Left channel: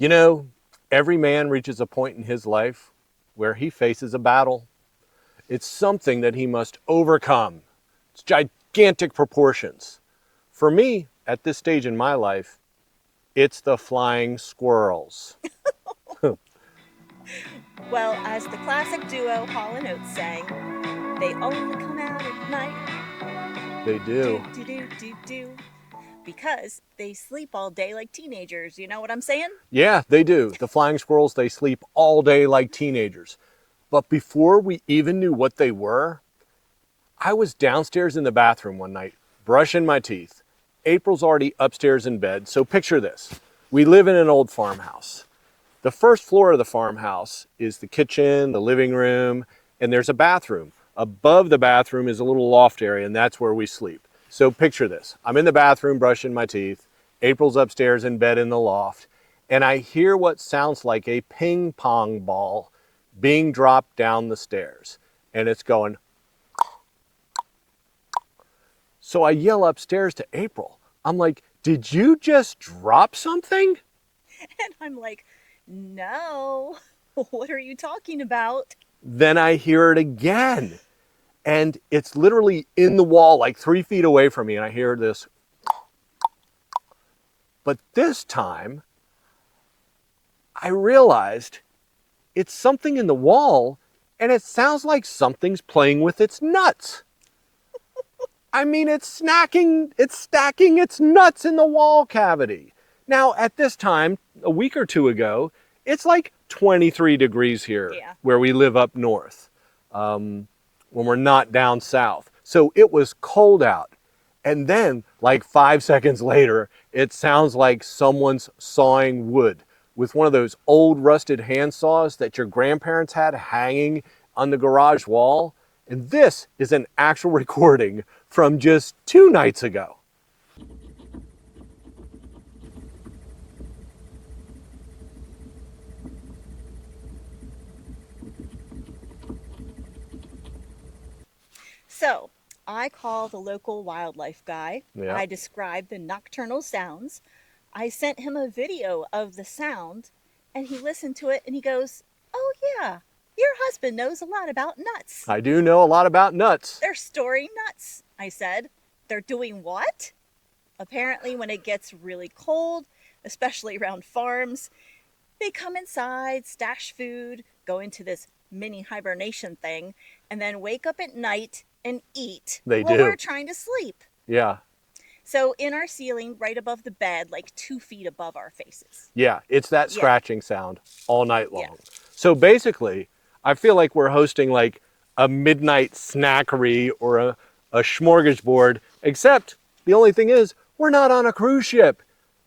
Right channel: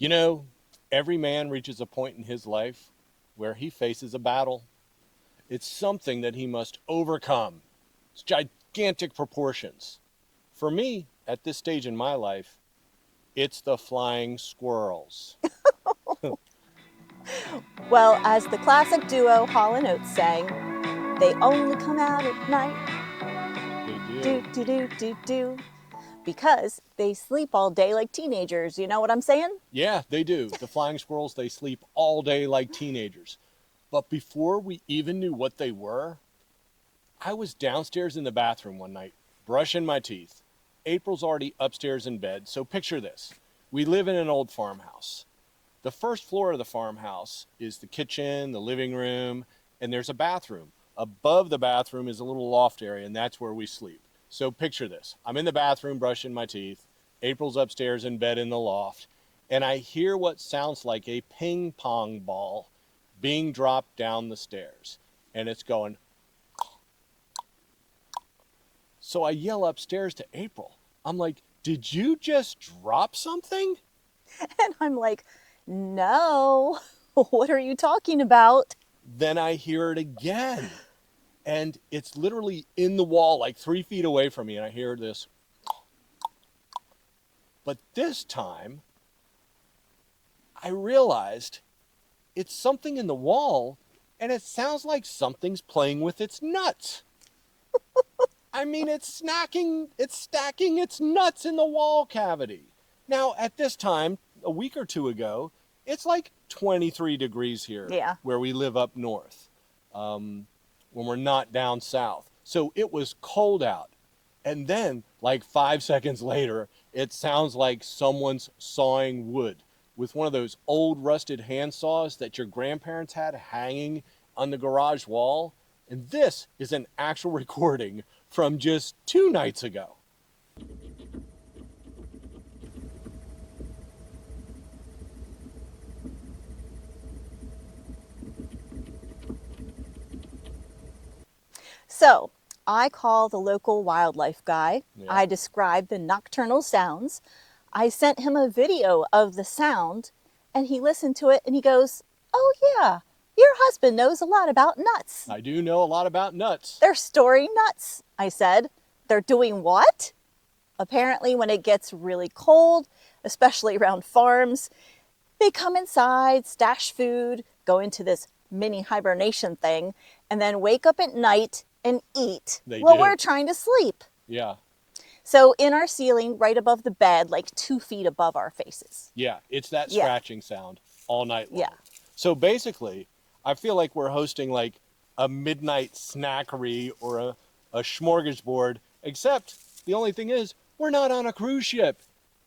You know, every man reaches a point in his life where he faces a battle. It's something that he must overcome. It's gigantic proportions. For me, at this stage in my life, it's the flying squirrels. Well, as the classic duo Hall & Oates sang, they only come out at night. They do. Do, do, do, do, do. Because they sleep all day like teenagers. You know what I'm saying? Yeah, they do. The flying squirrels, they sleep all day like teenagers. But before we even knew what they were, I was downstairs in the bathroom one night, brushing my teeth. April's already upstairs in bed, so picture this. We live in an old farmhouse. The first floor of the farmhouse is the kitchen, the living room, and there's a bathroom. Above the bathroom is a little loft area, and that's where we sleep. So picture this. I'm in the bathroom brushing my teeth. April's upstairs in bed in the loft, and I hear what sounds like a ping pong ball being dropped down the stairs, and it's going. So I yell upstairs to April. I'm like, did you just drop something? And I'm like, no, what are you talking about? Then I hear it again. And it's literally in the wall, like 3 feet away from me. And I hear this. But this time, I realized it's something in the wall, and it sounds like something's playing with its nuts. I mean, it's stacking its nuts in the wall cavity. Now, at this time, a week or two ago, it's like 23 degrees here where we live up north, when we're not down south. So it was cold out. And then, like 5 seconds later, it sounds like someone's sawing wood with one of those old rusted hand saws that your grandparents had hanging on the garage wall. And this is an actual recording from just 2 nights ago. So I called the local wildlife guy. Yeah. I described the nocturnal sounds. I sent him a video of the sound, and he listened to it and he goes, oh yeah, your husband knows a lot about nuts. I do know a lot about nuts. They're storing nuts, I said. They're doing what? Apparently when it gets really cold, especially around farms, they come inside, stash food, go into this mini hibernation thing, and then wake up at night and eat while we're trying to sleep. Yeah. So in our ceiling, right above the bed, like 2 feet above our faces. Yeah, it's that scratching sound all night long. Yeah. So basically, I feel like we're hosting like a midnight snackery or a smorgasbord, except the only thing is we're not on a cruise ship.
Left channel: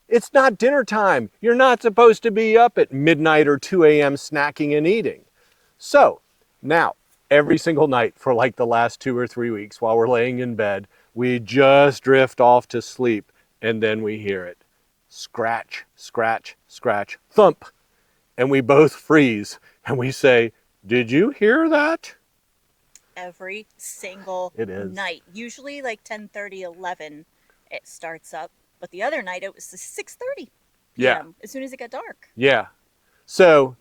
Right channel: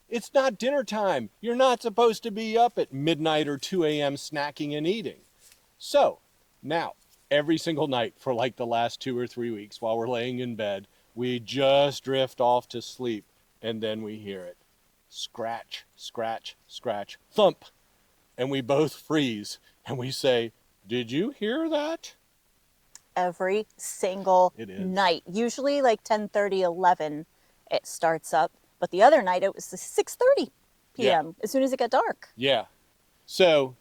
It's not dinner time. You're not supposed to be up at midnight or 2 a.m. snacking and eating. So now, every single night for like the last 2 or 3 weeks while we're laying in bed, we just drift off to sleep, and then we hear it. Scratch, scratch, scratch, thump. And we both freeze, and we say, did you hear that? Every single night. Usually like 10:30, 11, it starts up. But the other night, it was 6:30 p.m. as soon as it got dark. Yeah. So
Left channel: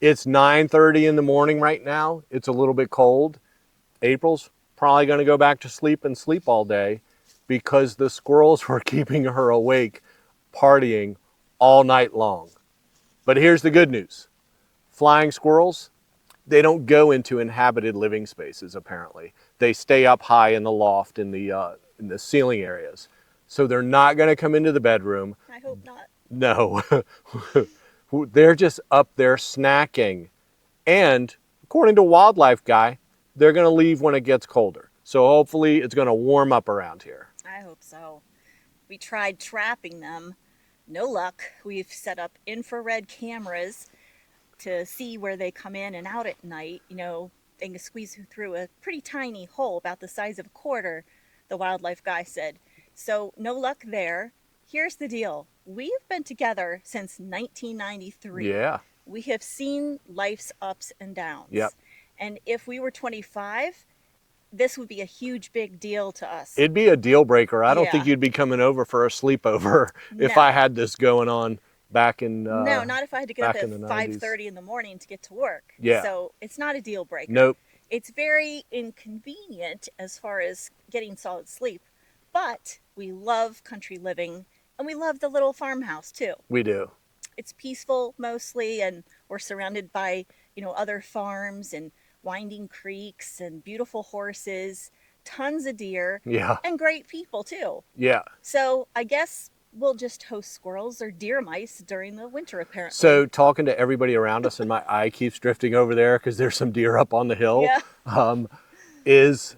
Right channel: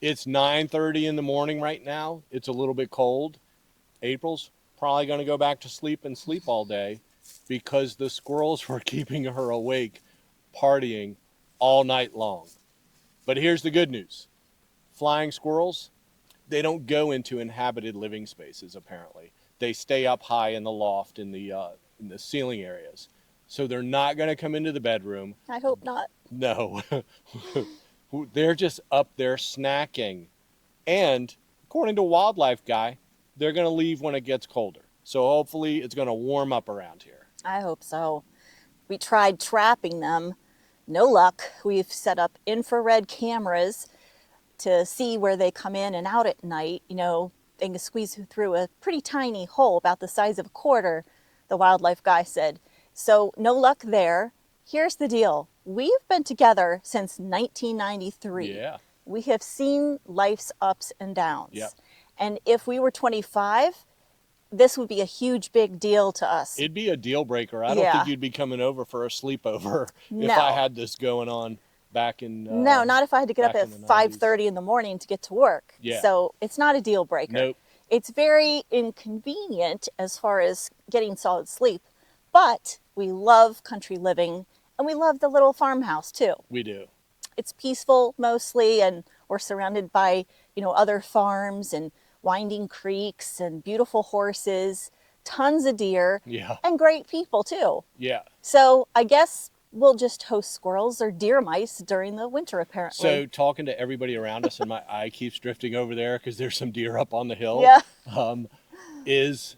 it's 9:30 in the morning right now. It's a little bit cold. April's probably going to go back to sleep and sleep all day because the squirrels were keeping her awake, partying all night long. But here's the good news. Flying squirrels, they don't go into inhabited living spaces, apparently. They stay up high in the loft, in the ceiling areas. So they're not going to come into the bedroom. I hope not. No. They're just up there snacking. And according to Wildlife Guy, they're going to leave when it gets colder. So hopefully it's going to warm up around here. I hope so. We tried trapping them. No luck. We've set up infrared cameras to see where they come in and out at night. You know, they can squeeze through a pretty tiny hole about the size of a quarter, the wildlife guy said. So no luck there. Here's the deal. We've been together since 1993. Yeah. We have seen life's ups and downs. Yep. And if we were 25, this would be a huge big deal to us. It'd be a deal breaker. I don't think you'd be coming over for a sleepover if I had this going on back in No, not if I had to get up back at in the 5:30 in the morning to get to work. Yeah. So it's not a deal breaker. Nope. It's very inconvenient as far as getting solid sleep, but we love country living and we love the little farmhouse too. We do. It's peaceful mostly, and we're surrounded by, other farms and winding creeks and beautiful horses, tons of deer, Yeah. and great people too. Yeah. So I guess we'll just host squirrels or deer mice during the winter, apparently. So talking to everybody around us, and my eye keeps drifting over there because there's some deer up on the hill. Yeah. Is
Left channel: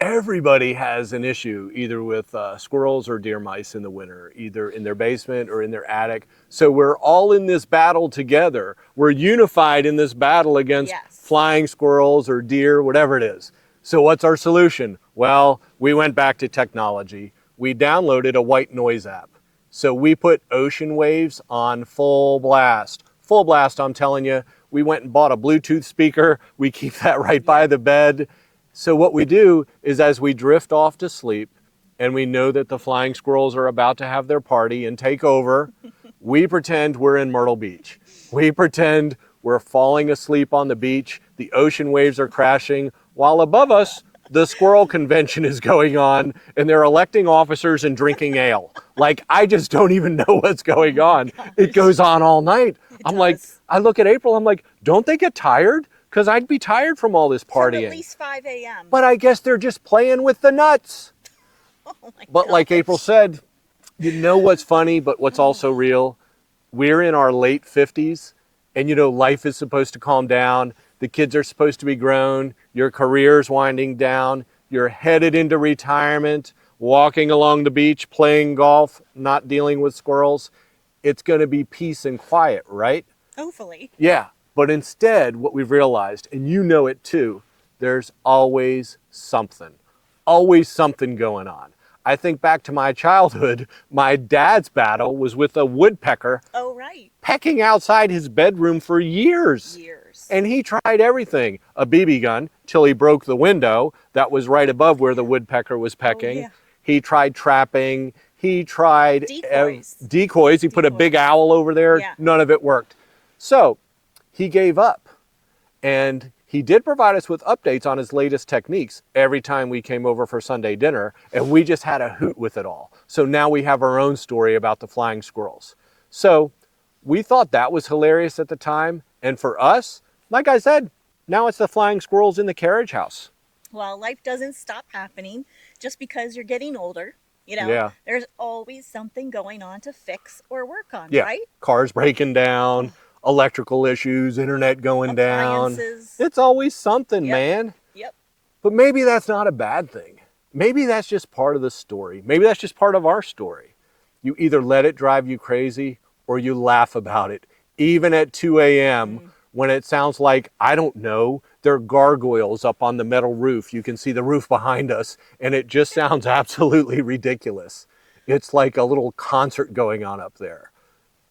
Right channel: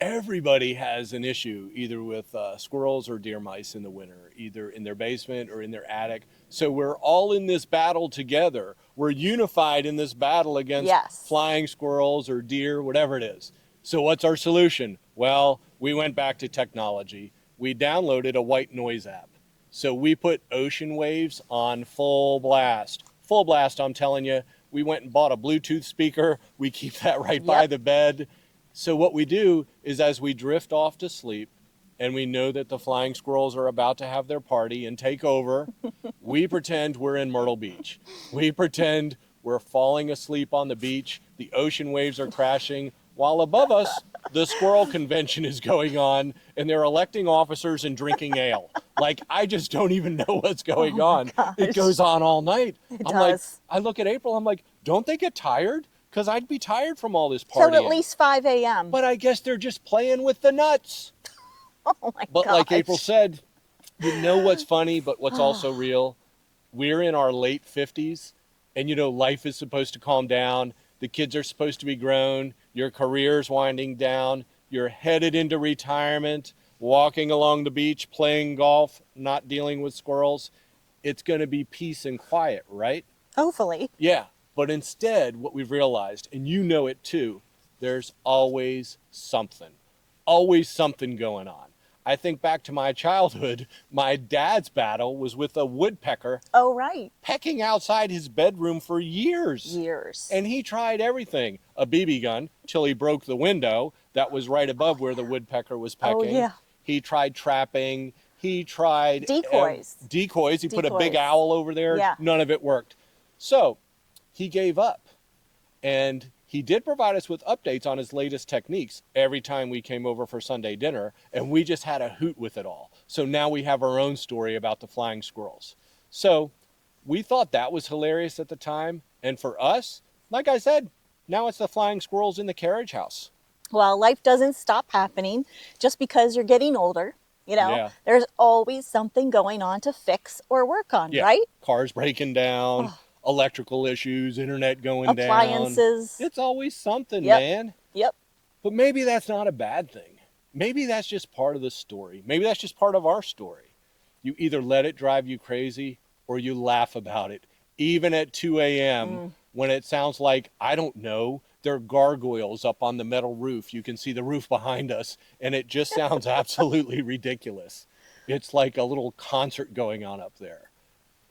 everybody has an issue either with squirrels or deer mice in the winter, either in their basement or in their attic. So we're all in this battle together. We're unified in this battle against Yes. flying squirrels or deer, whatever it is. So what's our solution? Well, we went back to technology. We downloaded a white noise app. So we put ocean waves on full blast. Full blast, I'm telling you. We went and bought a Bluetooth speaker. We keep that right by the bed. So what we do is as we drift off to sleep and we know that the flying squirrels are about to have their party and take over, we pretend we're in Myrtle Beach. We pretend we're falling asleep on the beach. The ocean waves are crashing while above us, the squirrel convention is going on and they're electing officers and drinking ale. Like, I just don't even know what's going on. It goes on all night. I'm like, I look at April, I'm like, don't they get tired? Because I'd be tired from all this partying. Till at least 5 a.m. But I guess they're just playing with the nuts. Oh my But like April said, you know what's funny, but what's also real? We're in our late 50s, and life is supposed to calm down. The kids are supposed to be grown. Your career's winding down. You're headed into retirement, walking along the beach, playing golf, not dealing with squirrels. It's going to be peace and quiet, right? Hopefully. Yeah. But instead, what we've realized, and you know it too, there's always something going on. I think back to my childhood, my dad's battle was with a woodpecker. Oh, right. Pecking outside his bedroom for years. And he tried everything. A BB gun, till he broke the window that was right above where the woodpecker was pecking. Oh, yeah. He tried trapping. He tried decoys. He put a big owl over there. Yeah. None of it worked. So he gave up, and he did provide us with updates on his latest techniques every time we came over for Sunday dinner, and we just had a hoot with it all. So now we have our own story about the flying squirrels. So we thought that was hilarious at the time, and for us, like I said, now it's the flying squirrels in the carriage house. Well, life doesn't stop happening just because you're getting older. Yeah. There's always something going on to fix or work on, right? Cars breaking down. Electrical issues, internet going down. Appliances. It's always something, man. Yep. But maybe that's not a bad thing. Maybe that's just part of the story. Maybe that's just part of our story. You either let it drive you crazy or you laugh about it. Even at 2 a.m. when it sounds like, I don't know, there are gargoyles up on the metal roof. You can see the roof behind us, and it just sounds absolutely ridiculous. It's like a little concert going on up there.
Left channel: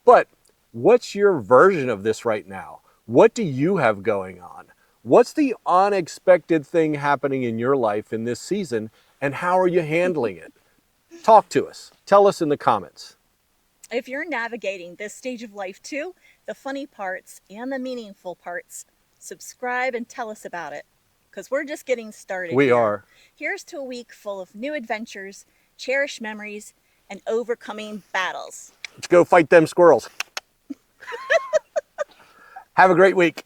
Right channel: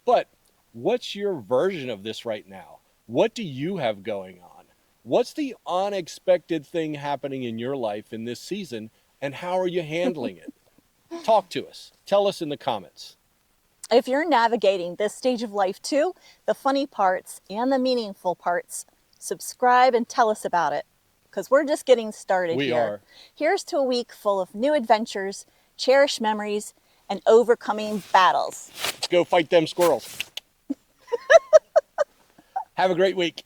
But what's your version of this right now? What do you have going on? What's the unexpected thing happening in your life in this season, and how are you handling it? Talk to us. Tell us in the comments. If you're navigating this stage of life too, the funny parts and the meaningful parts, subscribe and tell us about it, because we're just getting started. We are. Here's to a week full of new adventures, cherished memories, and overcoming battles. Let's go fight them squirrels. Have a great week.